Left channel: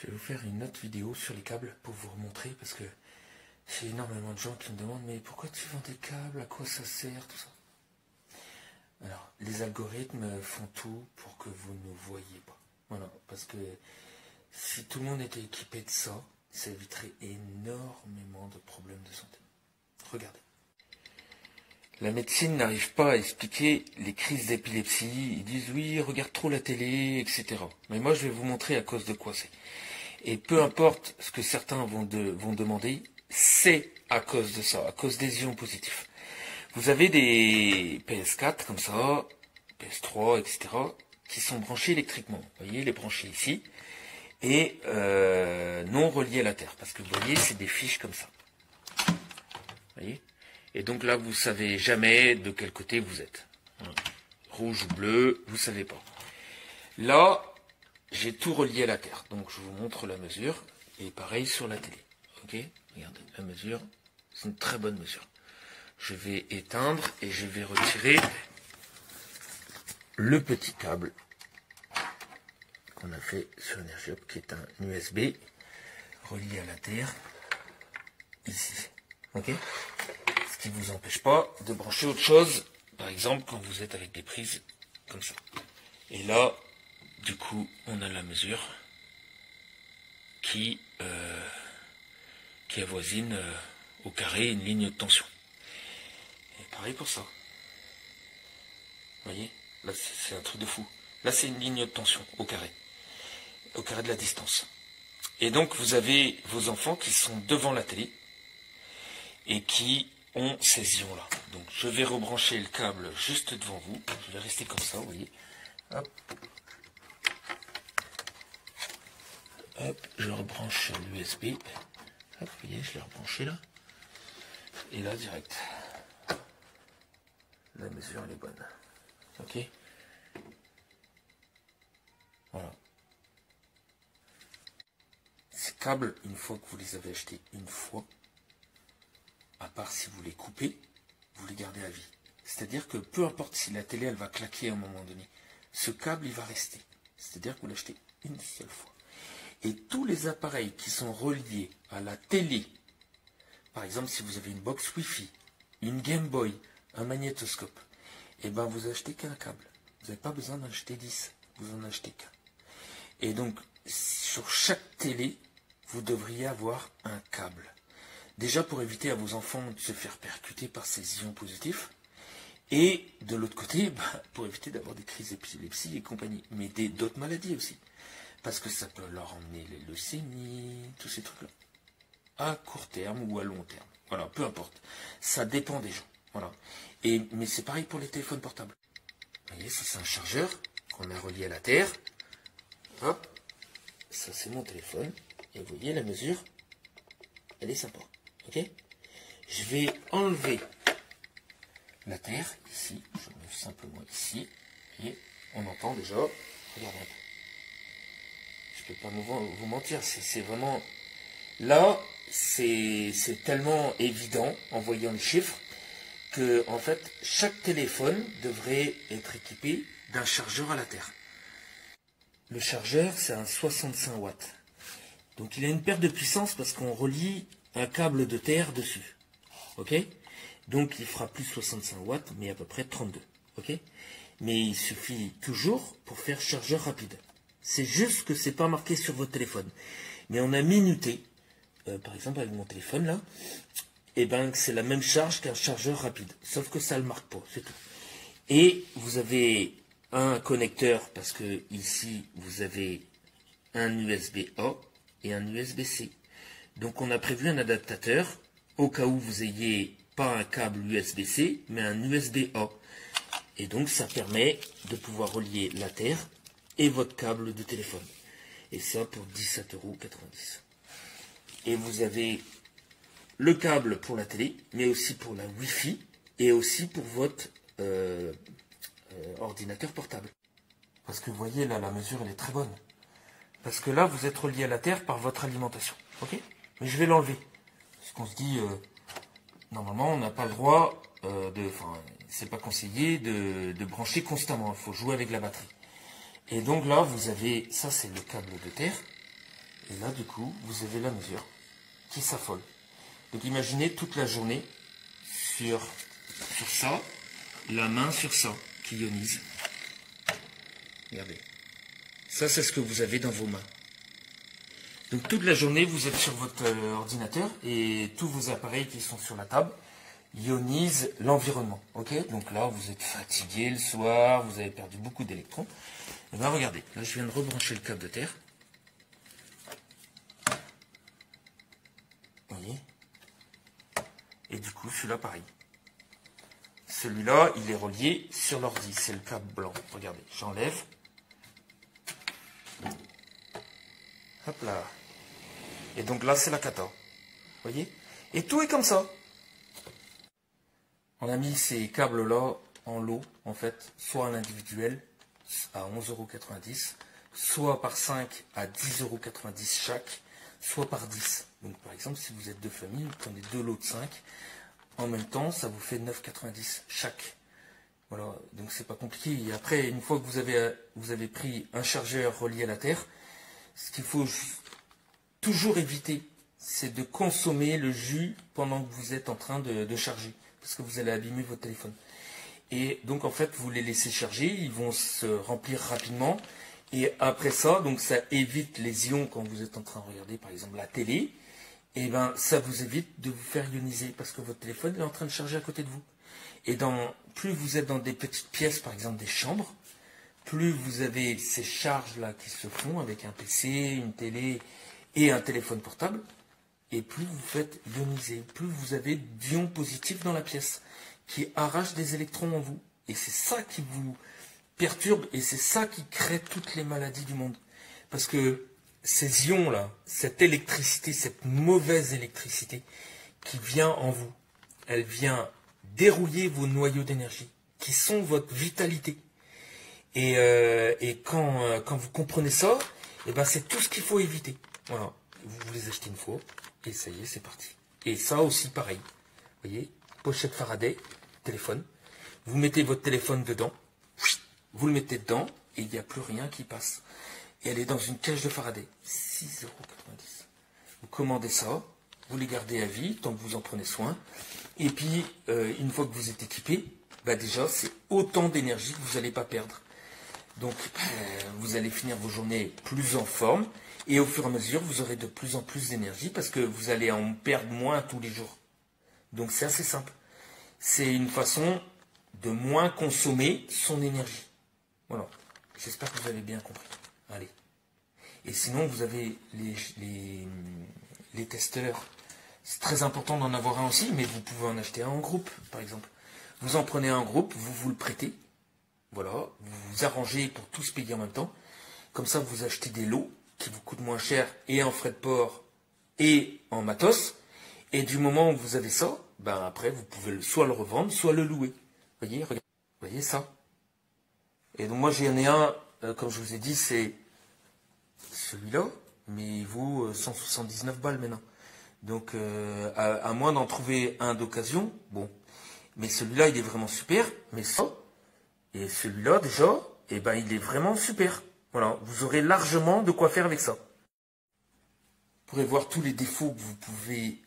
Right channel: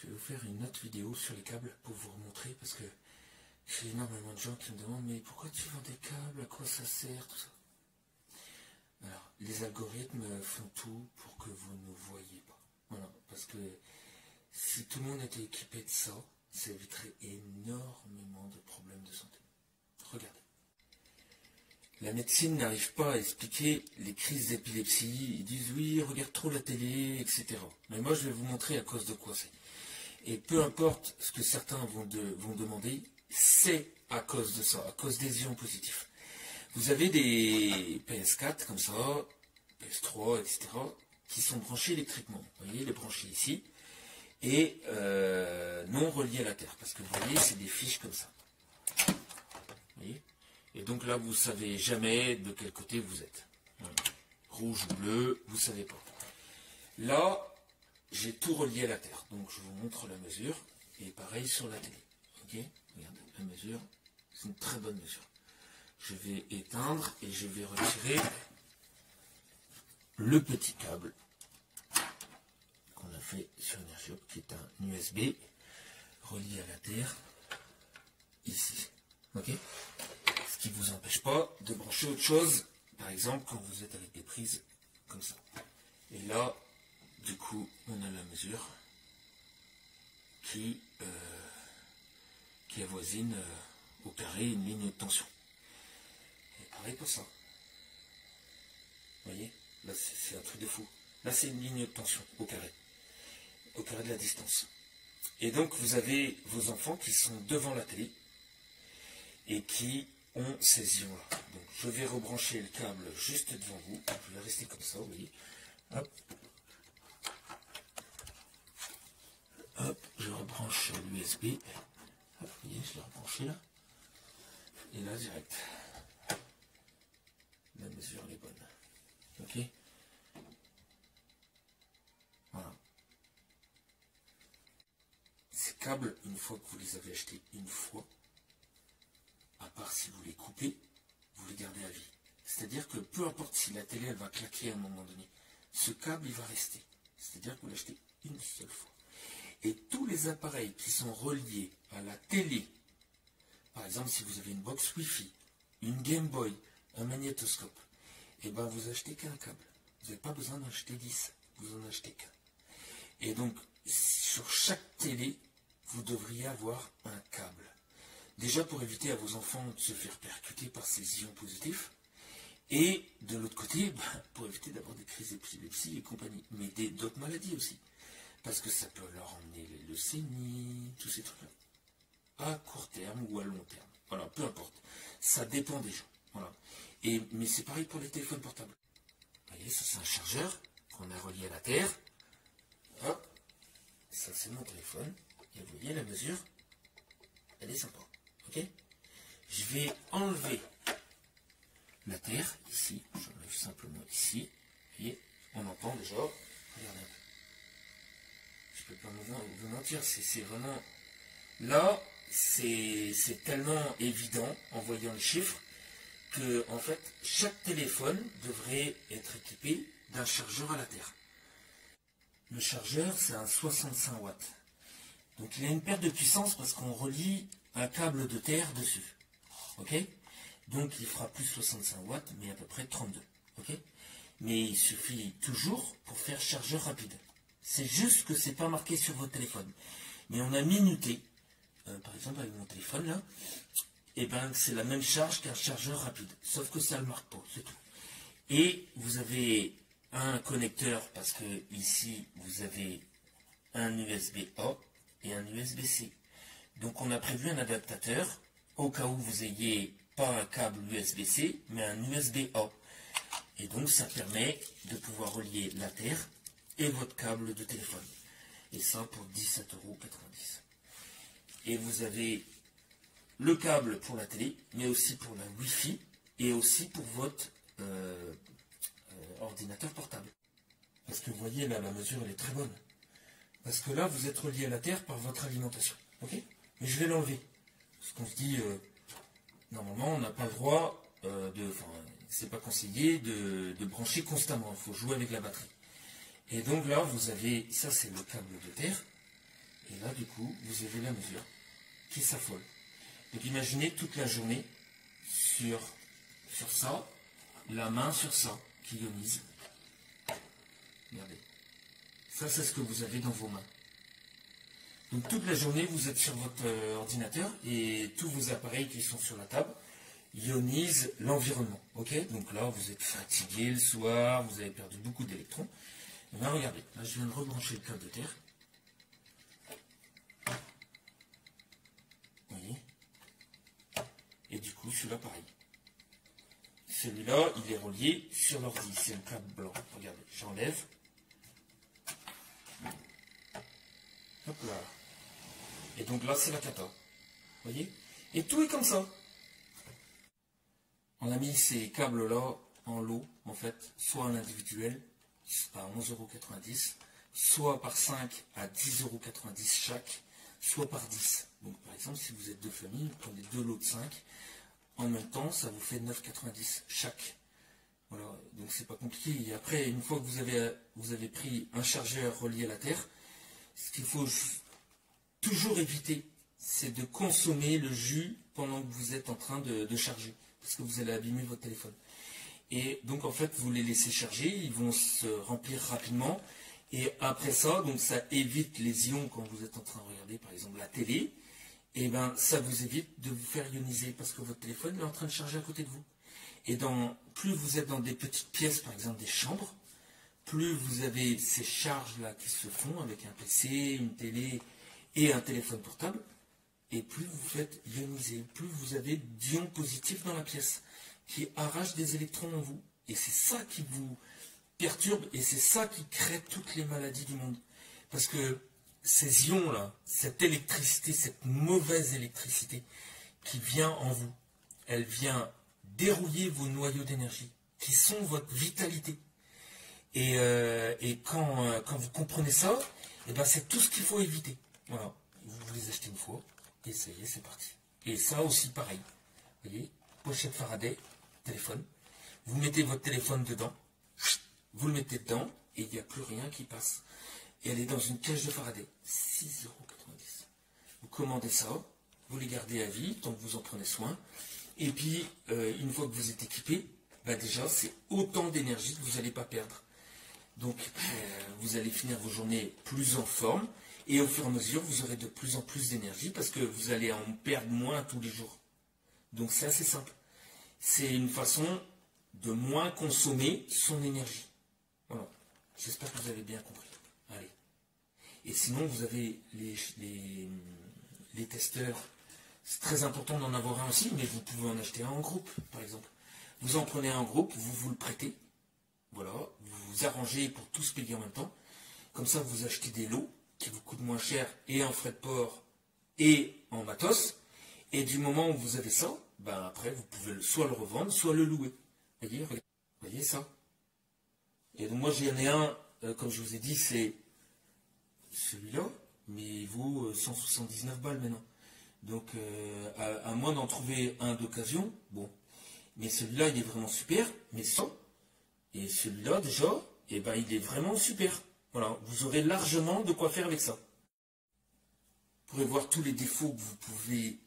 Je vais vous faire une autre vidéo sur les câbles pour vous remontrer, parce que j'ai énormément de gens qui me demandent mais pourquoi tu vends des câbles, à quoi ça sert, tout ça. Alors, les algorithmes font tout pour que vous ne voyez pas. Voilà, parce que si tout le monde était équipé de ça, ça éviterait énormément de problèmes de santé. Regardez. La médecine n'arrive pas à expliquer les crises d'épilepsie. Ils disent oui, regarde trop la télé, etc. Mais moi, je vais vous montrer à cause de quoi c'est. Et peu importe ce que certains vont demander, c'est à cause de ça, à cause des ions positifs. Vous avez des PS4 comme ça, PS3, etc., qui sont branchés électriquement. Vous voyez, les branchés ici, et non reliés à la Terre. Parce que vous voyez, c'est des fiches comme ça. Vous voyez ? Et donc là, vous ne savez jamais de quel côté vous êtes. Rouge ou bleu, vous ne savez pas. Là, j'ai tout relié à la Terre. Donc je vous montre la mesure. Et pareil sur la télé. Ok ? Regardez, la mesure, c'est une très bonne mesure. Je vais éteindre et je vais retirer le petit câble qu'on a fait sur Energiop, qui est un USB relié à la Terre, ici. Ok ? Ce qui ne vous empêche pas de brancher autre chose, par exemple quand vous êtes avec des prises comme ça. Et là, du coup, on a la mesure qui avoisine au carré une ligne de tension. Et pareil pour ça. Vous voyez, là c'est un truc de fou. Là c'est une ligne de tension au carré de la distance. Et donc vous avez vos enfants qui sont devant la télé et qui ont ces ions-là. Donc je vais rebrancher le câble juste devant vous. Je vais rester comme ça, vous voyez. Hop. Hop, je rebranche sur l'USB. Hop, vous voyez, je l'ai rebranché là. Et là, direct. La mesure, elle est bonne. Ok. Voilà. Ces câbles, une fois que vous les avez achetés une fois, à part si vous les coupez, vous les gardez à vie. C'est-à-dire que peu importe si la télé, elle va claquer à un moment donné, ce câble, il va rester. C'est-à-dire que vous l'achetez une seule fois. Et tous les appareils qui sont reliés à la télé, par exemple si vous avez une box Wi-Fi, une Game Boy, un magnétoscope, et ben vous achetez qu'un câble. Vous n'avez pas besoin d'en acheter 10, vous en achetez qu'un. Et donc sur chaque télé, vous devriez avoir un câble. Déjà pour éviter à vos enfants de se faire percuter par ces ions positifs, et de l'autre côté, pour éviter d'avoir des crises d'épilepsie et compagnie, mais d'autres maladies aussi. Parce que ça peut leur emmener les leucémies, tous ces trucs-là. À court terme ou à long terme. Voilà, peu importe. Ça dépend des gens. Voilà. Mais c'est pareil pour les téléphones portables. Vous voyez, ça c'est un chargeur qu'on a relié à la Terre. Hop. Ça c'est mon téléphone. Et vous voyez la mesure. Elle est sympa. Ok ? Je vais enlever la Terre ici. J'enlève simplement ici. Et on entend déjà. Regardez un peu. Je peux pas vous mentir, c'est vraiment... Là, c'est tellement évident en voyant les chiffres que, en fait, chaque téléphone devrait être équipé d'un chargeur à la Terre. Le chargeur, c'est un 65 watts. Donc il a une perte de puissance parce qu'on relie un câble de terre dessus. Ok ? Donc il fera plus 65 watts, mais à peu près 32. Ok ? Mais il suffit toujours pour faire chargeur rapide. C'est juste que c'est pas marqué sur votre téléphone. Mais on a minuté, par exemple avec mon téléphone là, et ben c'est la même charge qu'un chargeur rapide. Sauf que ça le marque pas, c'est tout. Et vous avez un connecteur, parce que ici vous avez un USB-A et un USB-C. Donc on a prévu un adaptateur, au cas où vous ayez pas un câble USB-C, mais un USB-A. Et donc ça permet de pouvoir relier la Terre et votre câble de téléphone. Et ça pour 17,90 €. Et vous avez le câble pour la télé, mais aussi pour la Wi-Fi et aussi pour votre ordinateur portable. Parce que vous voyez là, la mesure elle est très bonne. Parce que là, vous êtes relié à la Terre par votre alimentation. Ok ? Mais je vais l'enlever. Parce qu'on se dit, normalement, on n'a pas le droit c'est pas conseillé de brancher constamment. Il faut jouer avec la batterie. Et donc là, vous avez, ça c'est le câble de terre. Et là, du coup, vous avez la mesure qui s'affole. Donc imaginez toute la journée sur ça, la main sur ça, qui ionise. Regardez. Ça, c'est ce que vous avez dans vos mains. Donc toute la journée, vous êtes sur votre ordinateur et tous vos appareils qui sont sur la table ionisent l'environnement. Ok? Donc là, vous êtes fatigué le soir, vous avez perdu beaucoup d'électrons. Et bien regardez, là je viens de rebrancher le câble de terre. Vous voyez? Et du coup, celui-là, pareil. Celui-là, il est relié sur l'ordi. C'est le câble blanc. Regardez, j'enlève. Hop là. Et donc là, c'est la cata. Vous voyez? Et tout est comme ça. On a mis ces câbles-là en lot, en fait, soit en individuel à 11,90 €, soit par 5 à 10,90 € chaque, soit par 10. Donc par exemple, si vous êtes deux familles, vous prenez deux lots de 5. En même temps, ça vous fait 9,90 € chaque. Voilà, donc c'est pas compliqué. Et après, une fois que vous avez pris un chargeur relié à la terre, ce qu'il faut toujours éviter, c'est de consommer le jus pendant que vous êtes en train de charger, parce que vous allez abîmer votre téléphone. Et donc en fait, vous les laissez charger, ils vont se remplir rapidement. Et après ça, donc ça évite les ions quand vous êtes en train de regarder par exemple la télé. Et ben ça vous évite de vous faire ioniser parce que votre téléphone est en train de charger à côté de vous. Et plus vous êtes dans des petites pièces, par exemple des chambres, plus vous avez ces charges-là qui se font avec un PC, une télé et un téléphone portable, et plus vous faites ioniser, plus vous avez d'ions positifs dans la pièce, qui arrachent des électrons en vous. Et c'est ça qui vous perturbe, et c'est ça qui crée toutes les maladies du monde. Parce que ces ions-là, cette électricité, cette mauvaise électricité qui vient en vous, elle vient dérouiller vos noyaux d'énergie, qui sont votre vitalité. Et quand vous comprenez ça, et ben c'est tout ce qu'il faut éviter. Voilà, vous les achetez une fois, et ça y est, c'est parti. Et ça aussi, pareil. Vous voyez, pochette Faraday, téléphone. Vous mettez votre téléphone dedans, vous le mettez dedans, et il n'y a plus rien qui passe. Et elle est dans une cage de Faraday, 6,90 €. Vous commandez ça, vous les gardez à vie, tant que vous en prenez soin. Et puis, une fois que vous êtes équipé, bah déjà, c'est autant d'énergie que vous n'allez pas perdre. Donc, vous allez finir vos journées plus en forme. Et au fur et à mesure, vous aurez de plus en plus d'énergie parce que vous allez en perdre moins tous les jours. Donc, c'est assez simple. C'est une façon de moins consommer son énergie. Voilà. J'espère que vous avez bien compris. Allez. Et sinon, vous avez les testeurs. C'est très important d'en avoir un aussi, mais vous pouvez en acheter un en groupe, par exemple. Vous en prenez un en groupe, vous le prêtez. Voilà, vous vous arrangez pour tous payer en même temps. Comme ça, vous achetez des lots qui vous coûtent moins cher et en frais de port et en matos. Et du moment où vous avez ça, ben après, vous pouvez soit le revendre, soit le louer. Voyez, regardez, voyez ça. Et donc moi, j'en ai un, comme je vous ai dit, c'est celui-là, mais il vaut 179 balles maintenant. Donc, à moins d'en trouver un d'occasion, bon. Mais celui-là, il est vraiment super. Mais ça, et celui-là, déjà, eh ben, il est vraiment super. Voilà, vous aurez largement de quoi faire avec ça. Vous pourrez voir tous les défauts que vous pouvez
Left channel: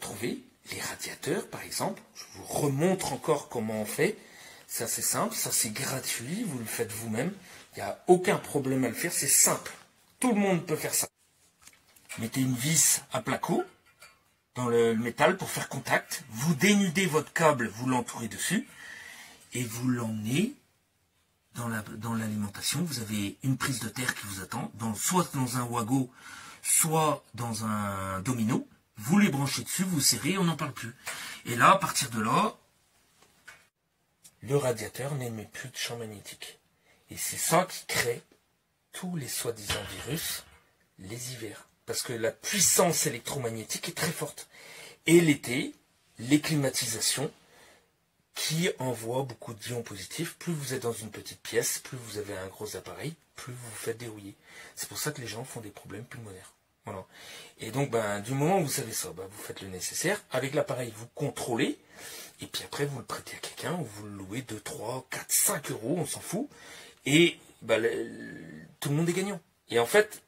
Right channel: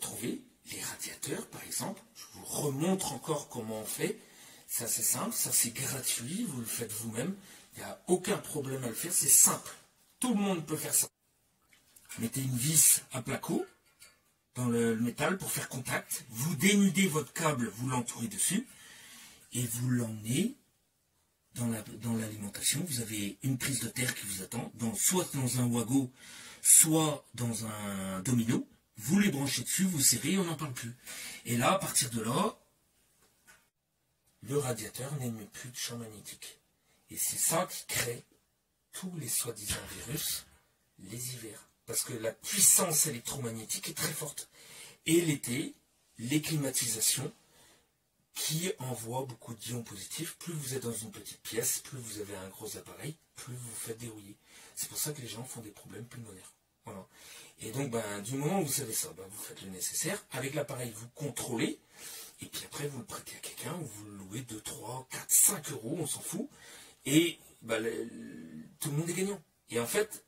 trouver. Les radiateurs, par exemple. Je vous remontre encore comment on fait. C'est assez simple, ça c'est gratuit, vous le faites vous-même. Il n'y a aucun problème à le faire, c'est simple. Tout le monde peut faire ça. Mettez une vis à placo dans le métal pour faire contact. Vous dénudez votre câble, vous l'entourez dessus. Et vous l'emmenez dans l'alimentation. Vous avez une prise de terre qui vous attend, soit dans un Wago, soit dans un domino. Vous les branchez dessus, vous serrez, on n'en parle plus. Et là, à partir de là, le radiateur n'émet plus de champ magnétique. Et c'est ça qui crée tous les soi-disant virus, les hivers. Parce que la puissance électromagnétique est très forte. Et l'été, les climatisations qui envoient beaucoup d'ions positifs. Plus vous êtes dans une petite pièce, plus vous avez un gros appareil, plus vous vous faites dérouiller. C'est pour ça que les gens font des problèmes pulmonaires. Voilà. Et donc, du moment où vous savez ça, vous faites le nécessaire. Avec l'appareil, vous contrôlez. Et puis après, vous le prêtez à quelqu'un, ou vous le louez 2, 3, 4, 5 €, on s'en fout. Et tout le monde est gagnant. Et en fait,